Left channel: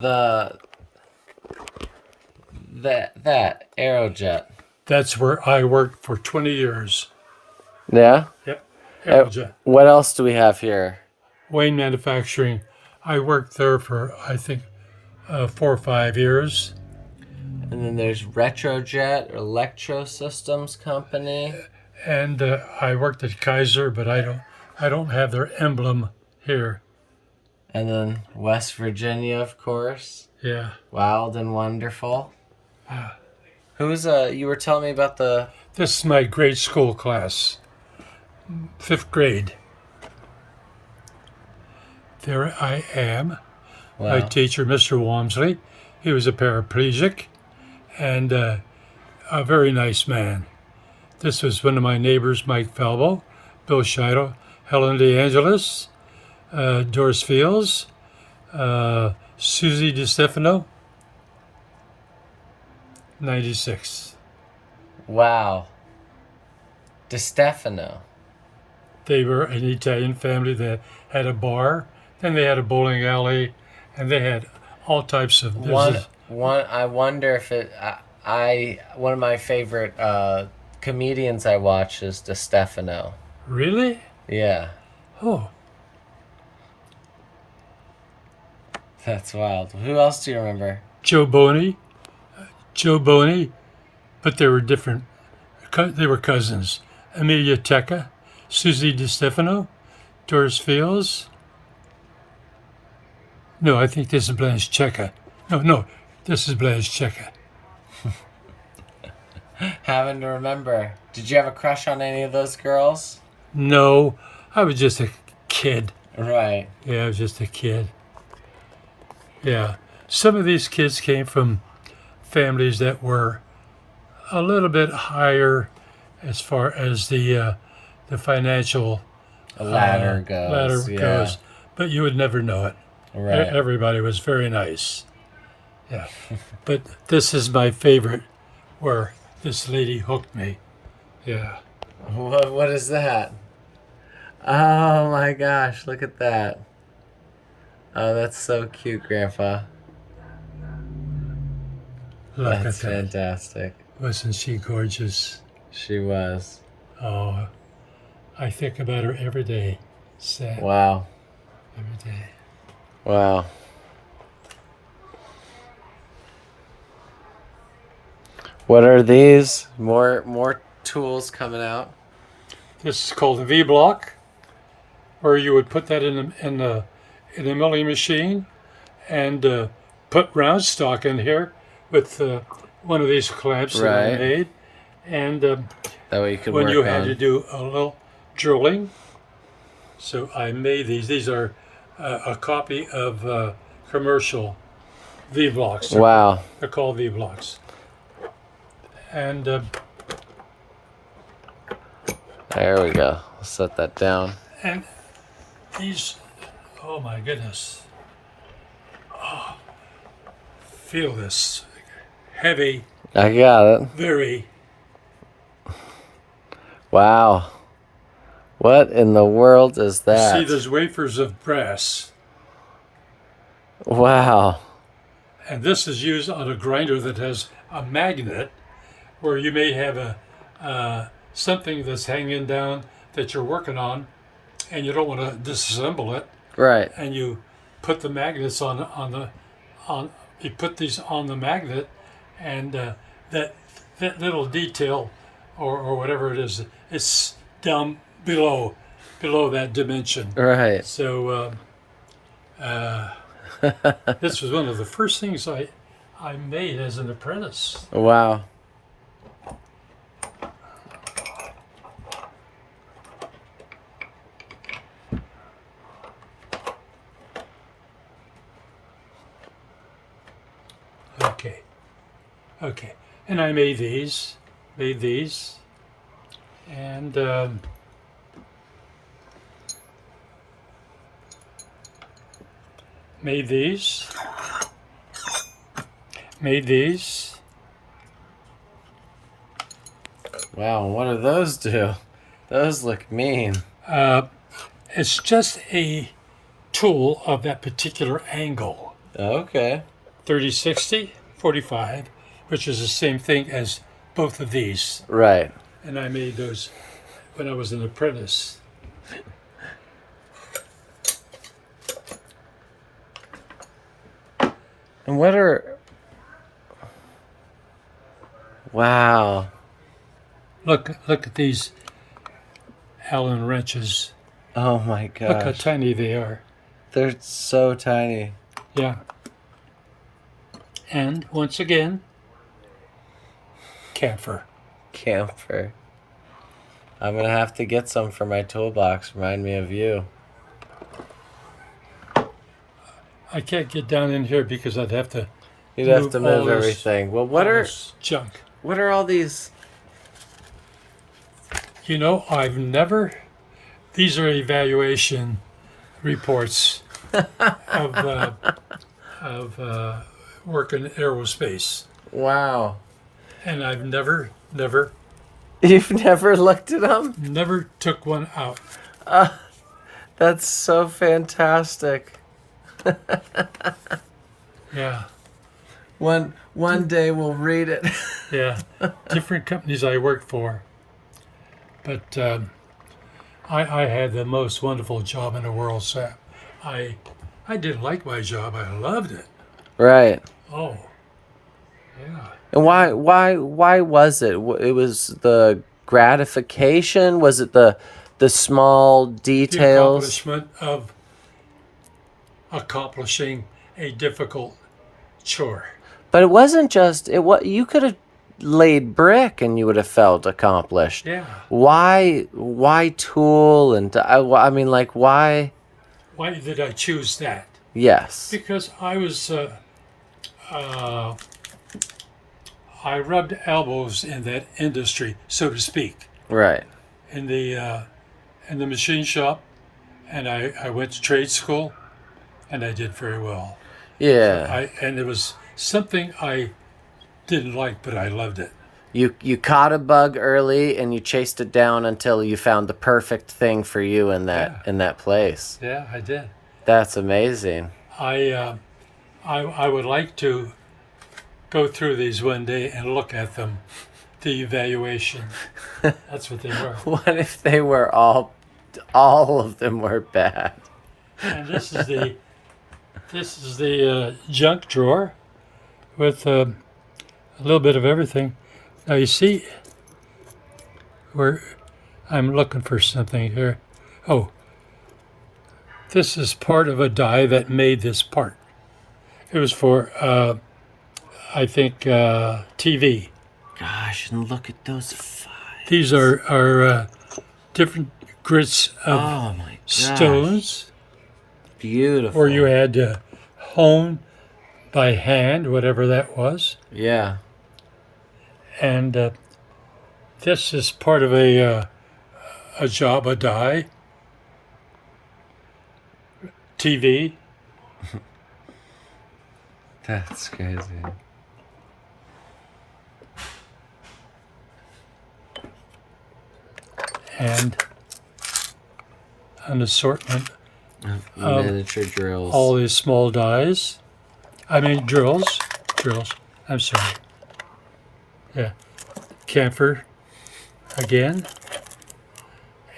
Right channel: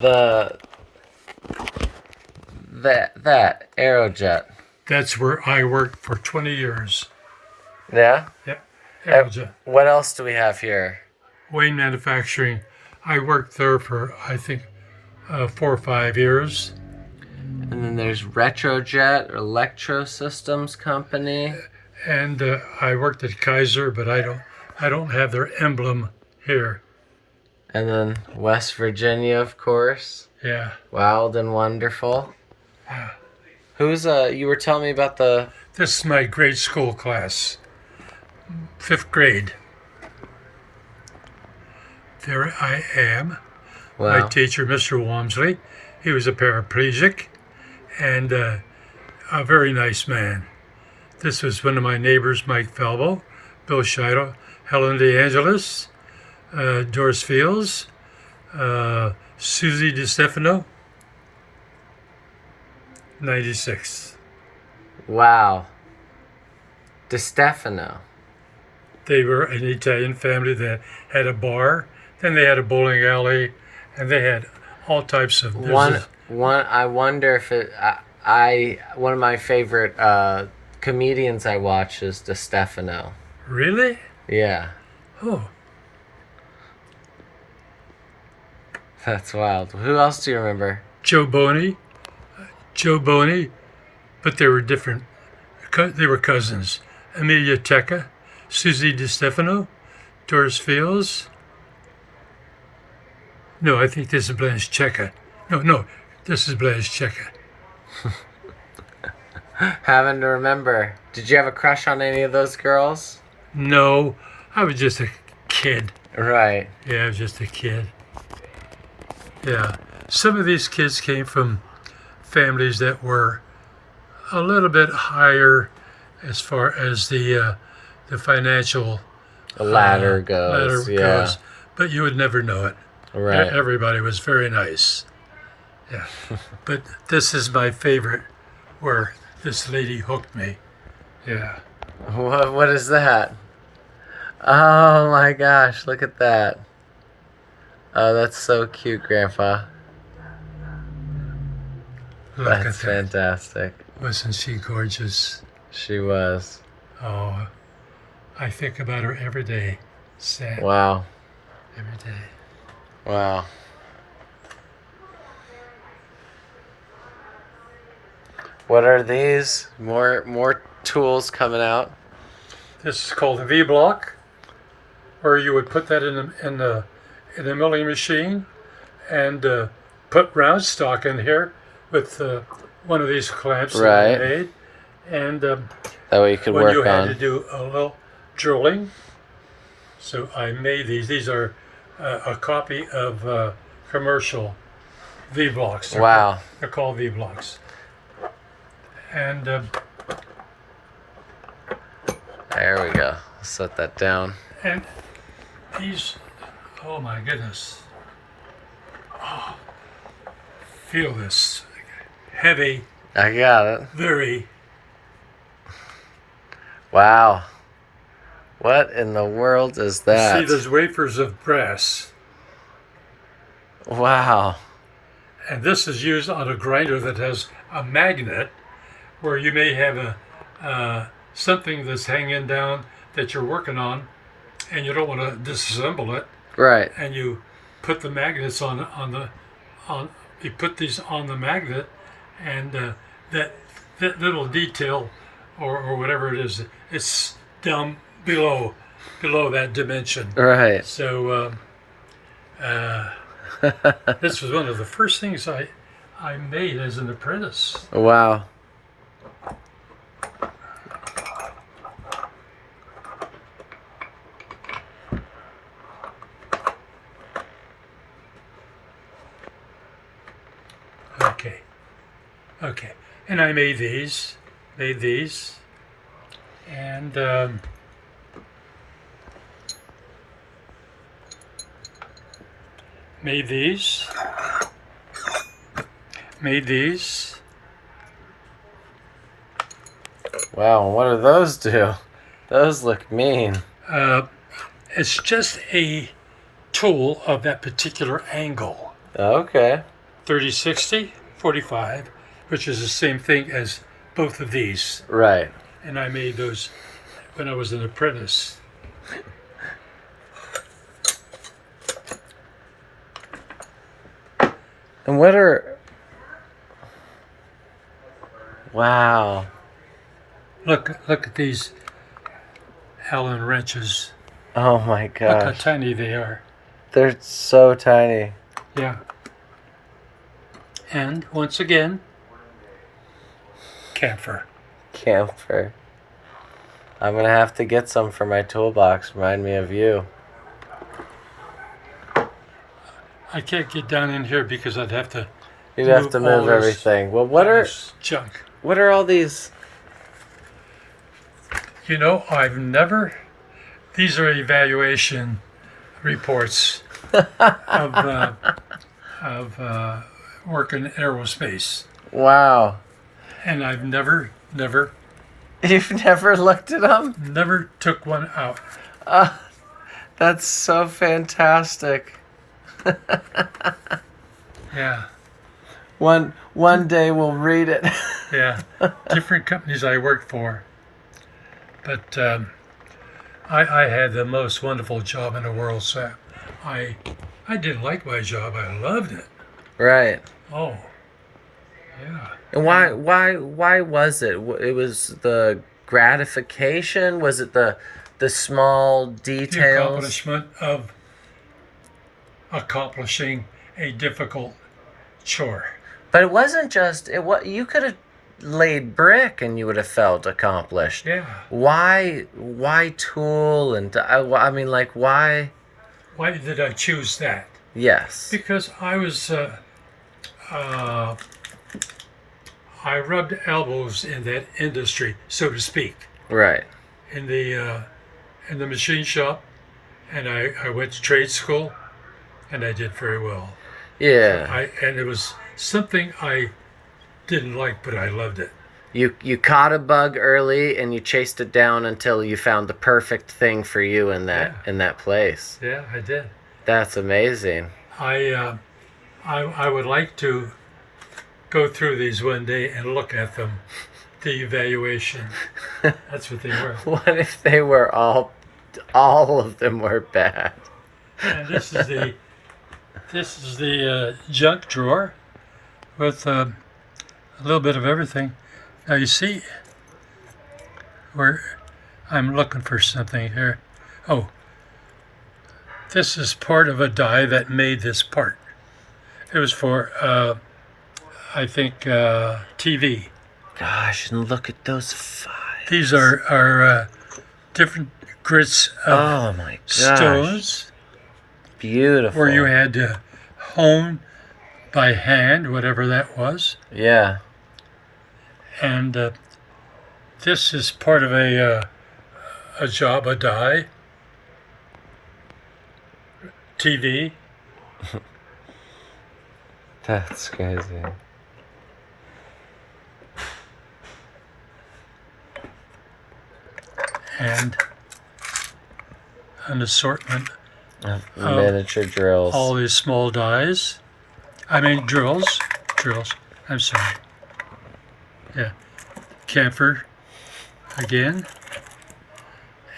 The that Aerojet. That's where I worked for 20 years. Yeah. Yep, Aerojet. What else do we have here? Wayne Manufacturing. I worked there for, I think, 4 or 5 years. And then there's Retrojet Electro Systems Company. And I worked at Kaiser, but I don't have their emblem here. And then West Virginia, of course. Yeah. Wild and Wonderful. Yeah. Who's you were telling me about the... This is my grade school class, 5th grade. There I am. Wow. My teacher, Mr. Walmsley. He was a paraplegic and a very nice man. This was one of my neighbors, Mike Falbo, Bill Scheidel, Helen DeAngelis, Doris Fields, Susie DiStefano, 96. Wow. DiStefano. They were an Italian family that had a bar, then they had a bowling alley, and they had all types of business. I wonder if it... one of my favorite comedians I watch is DiStefano. Really? Yeah. Oh, That's wild. Who else do you remember? Joe Boney, but they were different. They were cousins. Amelia Tecca, Susie DiStefano, Doris Fields. No, I think this is Blanche Checa. No, this is Blanche Checa. Having to remember. Did you have a crush on any of those girls? No, I was just a kid. Right. Yeah, I was just a kid. Yeah. Some of these kids came from families that were a little bit higher as far as the financial Ladder goes. Yeah. but you would never know it. Right. Everybody was very nice. Yeah. But this is my favorite, where this lady hooked me. Yeah. What is that? Oh my gosh, look at that. Oh, that's so cute, Grandpa. Look That's at that. fantastic. Wasn't she gorgeous? She was. Oh, I think about her every day. Sad. Wow. Every day. Wow. What are these? More tools coming out. This is called a V-block, where you would put that in the milling machine and put round stock in here with one of these clamps that I Right. made. And That way you could when work you had on. to do a little drilling, so I made these. These are a copy of commercial V-blocks. Wow. They're called V-blocks. And There we go. Set that down. And these, oh my goodness. Oh, feel this. Heavy, I got it. very. Wow. What in the world is that? See those wafers of brass. Wow. And this is used on a grinder that has a magnet, where you may have something that's hanging down that you're working on, and you don't want to disassemble it, Right. and you put the magnets on you put these on the magnet, and that little detail or whatever it is, it's down below that dimension. Right. So this was one of the first things I made as an apprentice. Wow. Okay, and I made these, and made these, Wow. What do those do? Those look mean. It's just a tool of that particular angle. Okay. 3060, 45, which is the same thing as both of these. Right. And I made those when I was an apprentice. And what are... Wow. Look at these Allen wrenches. Oh my Look how gosh. tiny they are. They're so tiny. Yeah. And once again, camphor. Camphor. I'm gonna have to get some for my toolbox. Remind me of you. I can't get down in here because I'd have to You'd have to move all move this- everything. Well, what all are this junk. all these? You know, I've never. These are evaluation reports of work in aerospace, Wow. and I've never You've never looked at them? took one out. That's so fantastic. Yeah, One day we'll read it. yeah. Different companies I worked for, but I had the most wonderful job in the world. So I didn't like my job. I loved it. Right. Oh, yeah. And why was it? It was the gratification? Was it the small The details? accomplishment of accomplishing a difficult chore. But it wasn't just it. What you could have laid brick and you would have felt accomplished. Yeah. Why tool and I mean like why? Why did I choose that? Yes. Because I was, I rubbed elbows in that industry, so to speak, Right. in the machine shop, and I went to trade school, and I did very well. Yeah. And it was something I didn't like, but I loved it. You caught a bug early and you chased it down until you found the perfect thing for you in that place. Yeah, I did. That's amazing. I would like to go through these one day and look at them, the evaluation. That's what they were. What if they were all of them were bad? And this is the junk drawer with a little bit of everything. Now you see where I'm looking for something here. Oh, this is part of a die that made this part. It was for, I think, TV. Gosh, and look at those files. These are different grits of Oh my gosh. stones Beautiful. where you had to hone by hand, whatever that was. Yeah. And this is part of a job, a die, TV. That's crazy. And an assortment, Miniature drills. all these small dies. I mean drills. I'm sorry. Yeah, camphor again.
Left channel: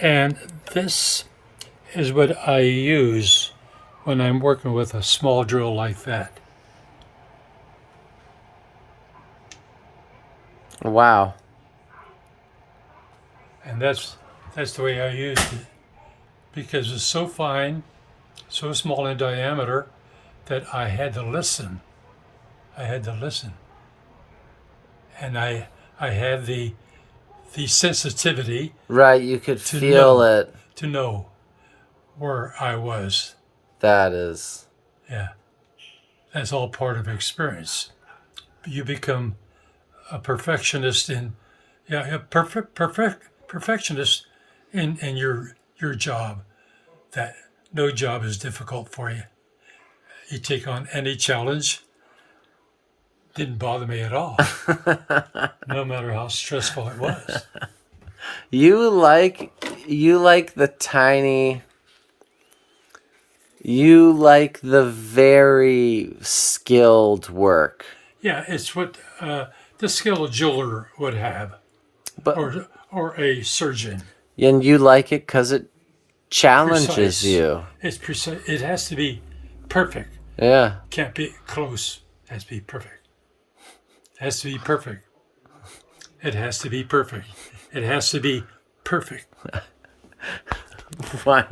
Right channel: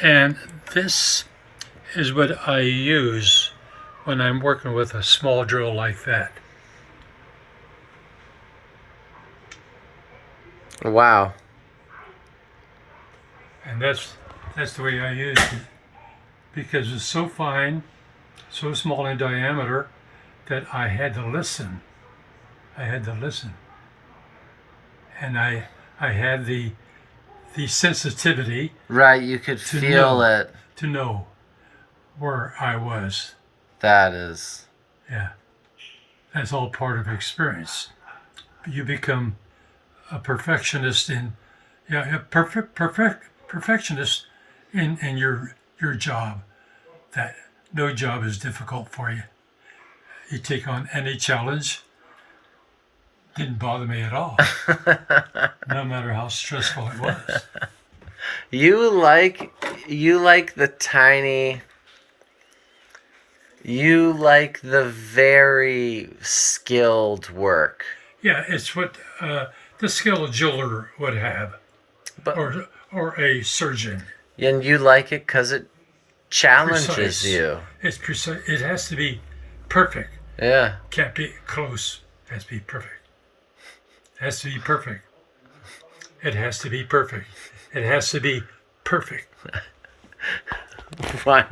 And this is what I use when I'm working with a small drill like that. Wow. And that's the way I used it, because it's so fine, so small in diameter, that I had to listen. And I had the sensitivity Right, you could To feel know. it. to know where I was. That is. Yeah, that's all part of experience. You become a perfectionist perfectionist in your job. That no job is difficult for you. You take on any challenge. Didn't bother me at all, no matter how stressful it was. You like the tiny You like the very skilled work. Yeah, it's what the skilled jeweler would have, But or a surgeon. and you like it because it challenges Precise. you. It's precise. It has to be perfect. Yeah. Can't be close. It has to be perfect. It has to be perfect. It has to be perfect. It has to be perfect. Why